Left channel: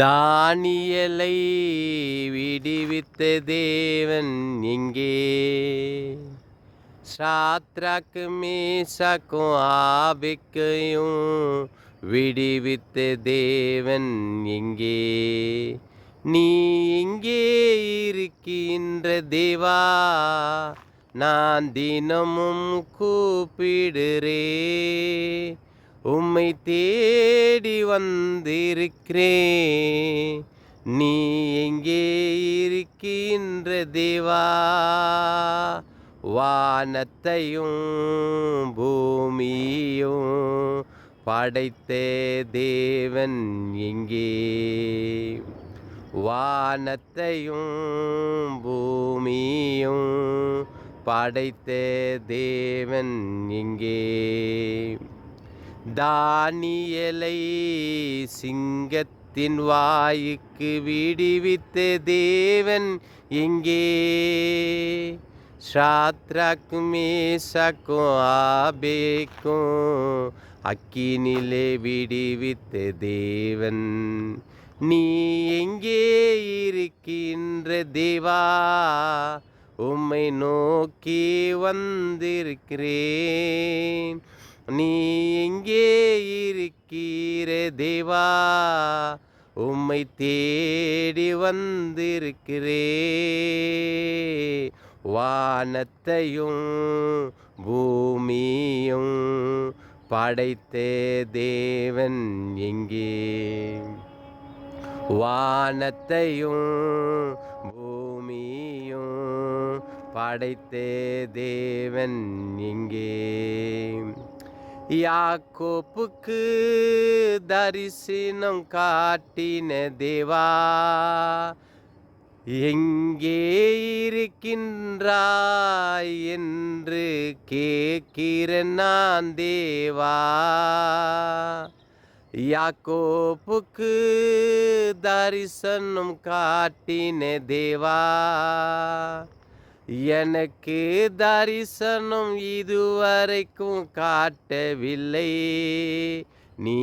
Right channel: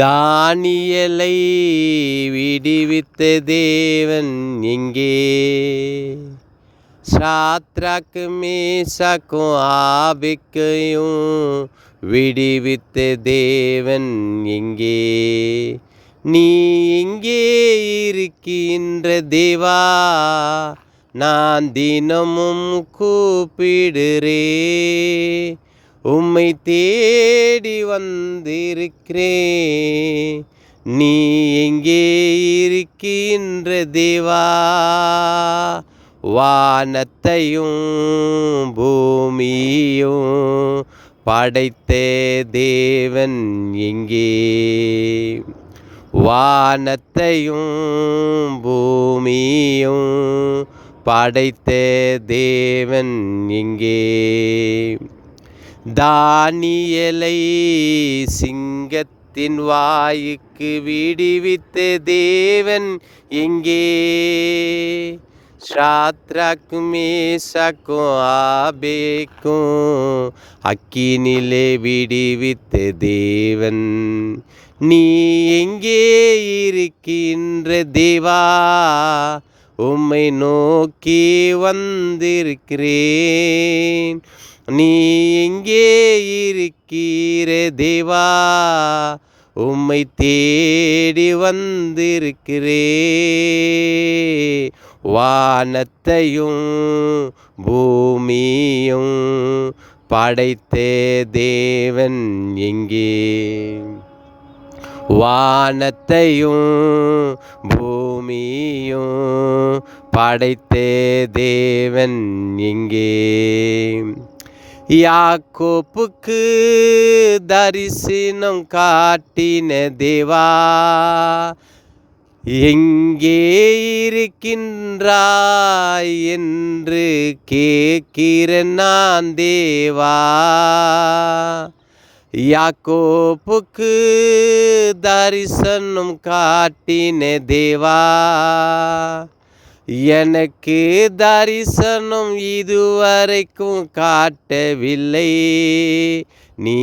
தானியேலை விடுவித்த தேவன் எங்கே? சாத்ராக்கு மேசாக்கும் ஆபேக்கையும் விடுவித்த தேவன் எங்கே? நீ எங்கே இருக்கின்ற தேவா? நான் தினமும் கூப்பிடுறேன், உம்மை தேடி வந்திருக்கிறேன். நீ எங்கே இருக்கின்ற தேவா? வானத்தையும் பூமியும் படைத்த தேவன் எங்கே? வானத்தையும் பூமியும் படைத்த தேவன் எங்கே? தானியேலை சிங்கத்தின் வாய்க்கு விடுவித்த தேவன் எங்கே? சாத்ராக்கு மேசாக்கும் ஆபேக்கும் அக்கினிலே விடுவித்த தேவன் நீ எங்கே இருக்கின்ற தேவா? உம்மை நோக்கி வந்திருக்கிறேன். நீ எங்கே இருக்கிற தேவா? உம்மை தேடி வந்திருக்கிறேன். வானத்தையும் பூமியும் படைத்த தேவன் எங்கே? வானத்தையும் பூமியும் படைத்த தேவன் எங்கே? யாக்கோப்புக்கு தரிசனம் காட்டின தேவா, எங்கே இருக்கின்றாய் என்று கேட்கிறேன் நான் தேவா. யாக்கோப்புக்கு தரிசனம் காட்டின தேவா, எனக்கு தரிசனம் இதுவரைக்கும் காட்டவில்லை. நீ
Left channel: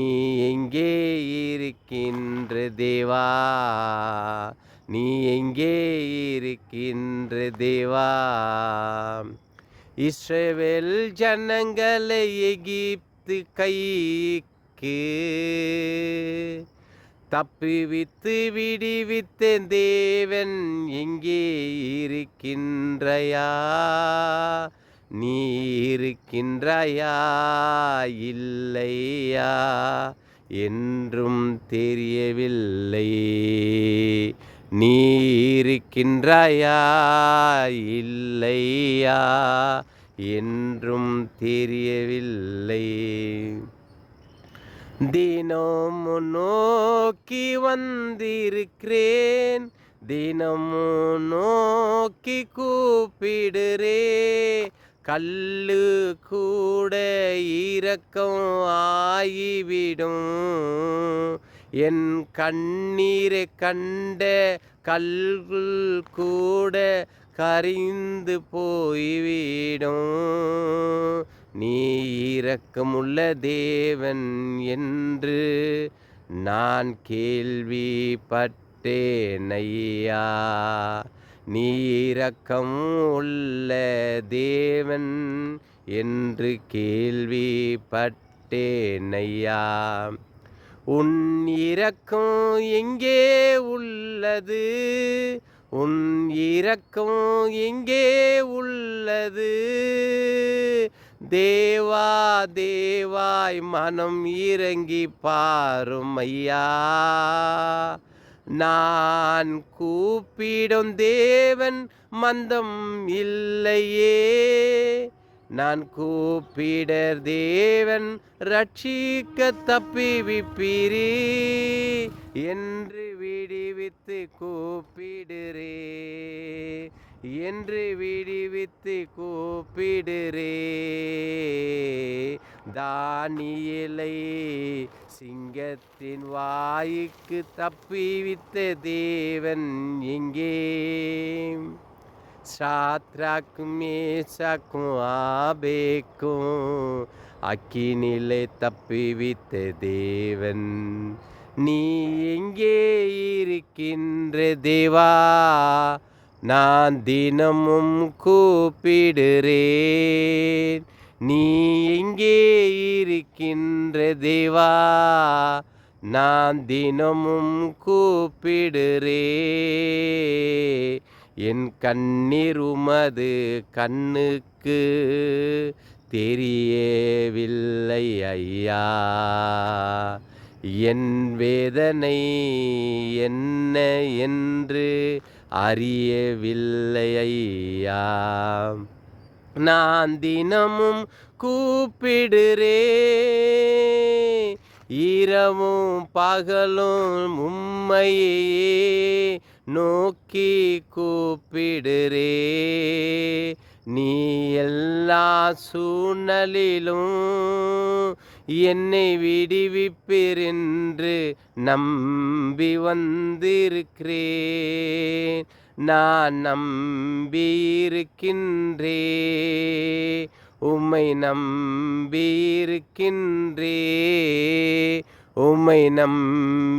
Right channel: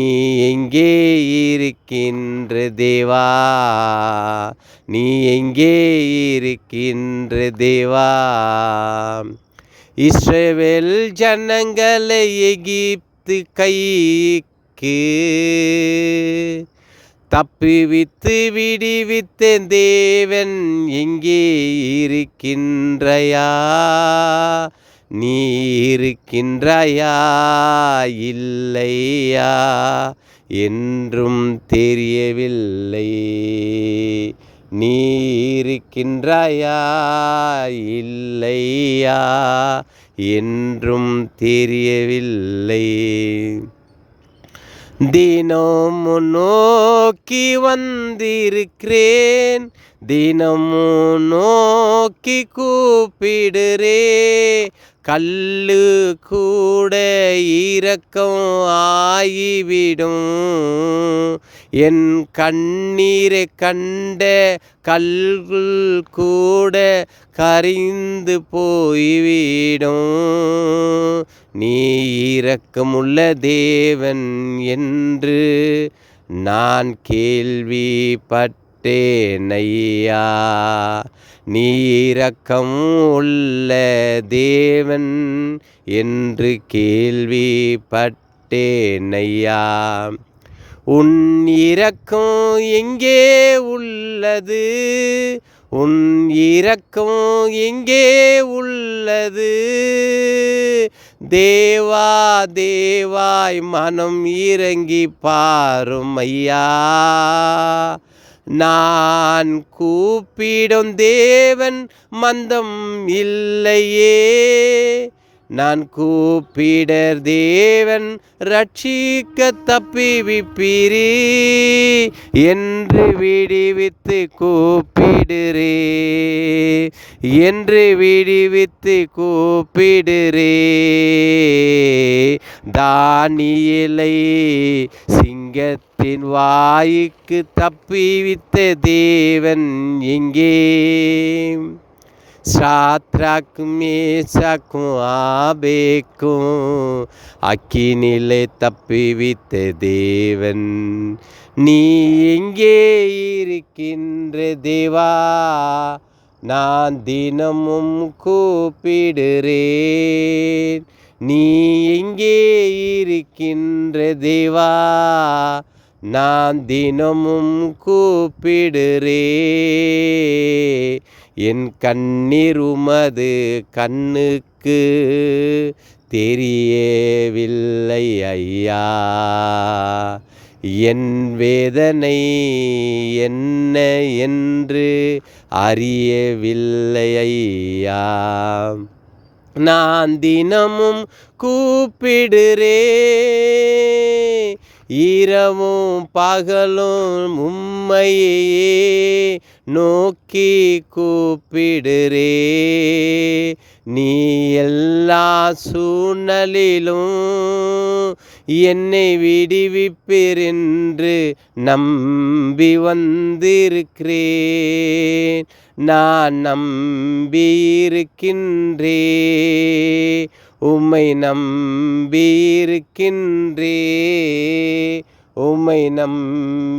எங்கே இருக்கின்ற தேவா? நீ எங்கே இருக்கின்ற தேவா? இஸ்ரவேல் ஜனங்களை எகிப்து கைக்கு தப்புவித்து விடுவித்த தேவன் எங்கே இருக்கின்றாயா? நீ இருக்கின்றாயா இல்லையா என்றும் தெரியவில்லை. நீ இருக்கின்றாயா இல்லையா என்றும் தெரியவில்லை. தினமும் நோக்கி வந்திருக்கிறேன், தினமும் நோக்கி கூப்பிடுறே. கல்லு கூட இரக்கம் ஆகிவிடும், என் கண்ணீரை கண்ட கல்கள் கூட கரிந்து போய்விடும். நீ இரக்கமுள்ள தேவன் என்று நான் கேள்விப்பட்டேன் ஐயா. நீ இரக்கம் உள்ள தேவன் என்று கேள்விப்பட்டேன் ஐயா. உன் இரக்கம் எங்கே உள்ளது? உன் இரக்கம் எங்கே உள்ளது? தேவா தேவாய் மனம் இறங்கி பாரும் ஐயா. நான் கூப்பிடும் தேவன் மந்தம் இல்லையே, நான் கூப்பிடர் தேவன் ரட்சிக்க தப்பிவிப்பீரே என்று விடுவித்து கூப்பிடுறே, என்று விடுவித்து கூப்பிடுறே. தானியேலை சிங்கத்தின் வாய்க்கு தப்பிவித்த தேவன் எங்கே? சாத்ராக்கும் மேசாக்கும் ஆபேக்கும் அக்கினிலே தப்பிவித்த தேவன் நீ எங்கே இருக்கின்ற தேவா, நான் தினமும் கூப்பிடுறேன். நீ எங்கே இருக்கின்ற தேவா, நான் தினமும் கூப்பிடுறேன். என் கண்ணீர் உமது கண்ணுக்கு தெரியவில்லை ஐயா, என் வேதனை என்ன என்று அறியவில்லை ஐயா. நான் தினமும் கூப்பிடுறேன், இரவும் பகலும் உம்மையே நோக்கி கூப்பிடுறேன். நீ எல்லா சூழ்நிலையிலும் என்னை விடுவிப்பீர் என்று நம்பி வந்திருக்கிறேன். நான் நம்பியிருக்கின்றேன், உம்மை நம்பியிருக்கின்றேன், உம்மை நம்பியிருக்கின்றேன்.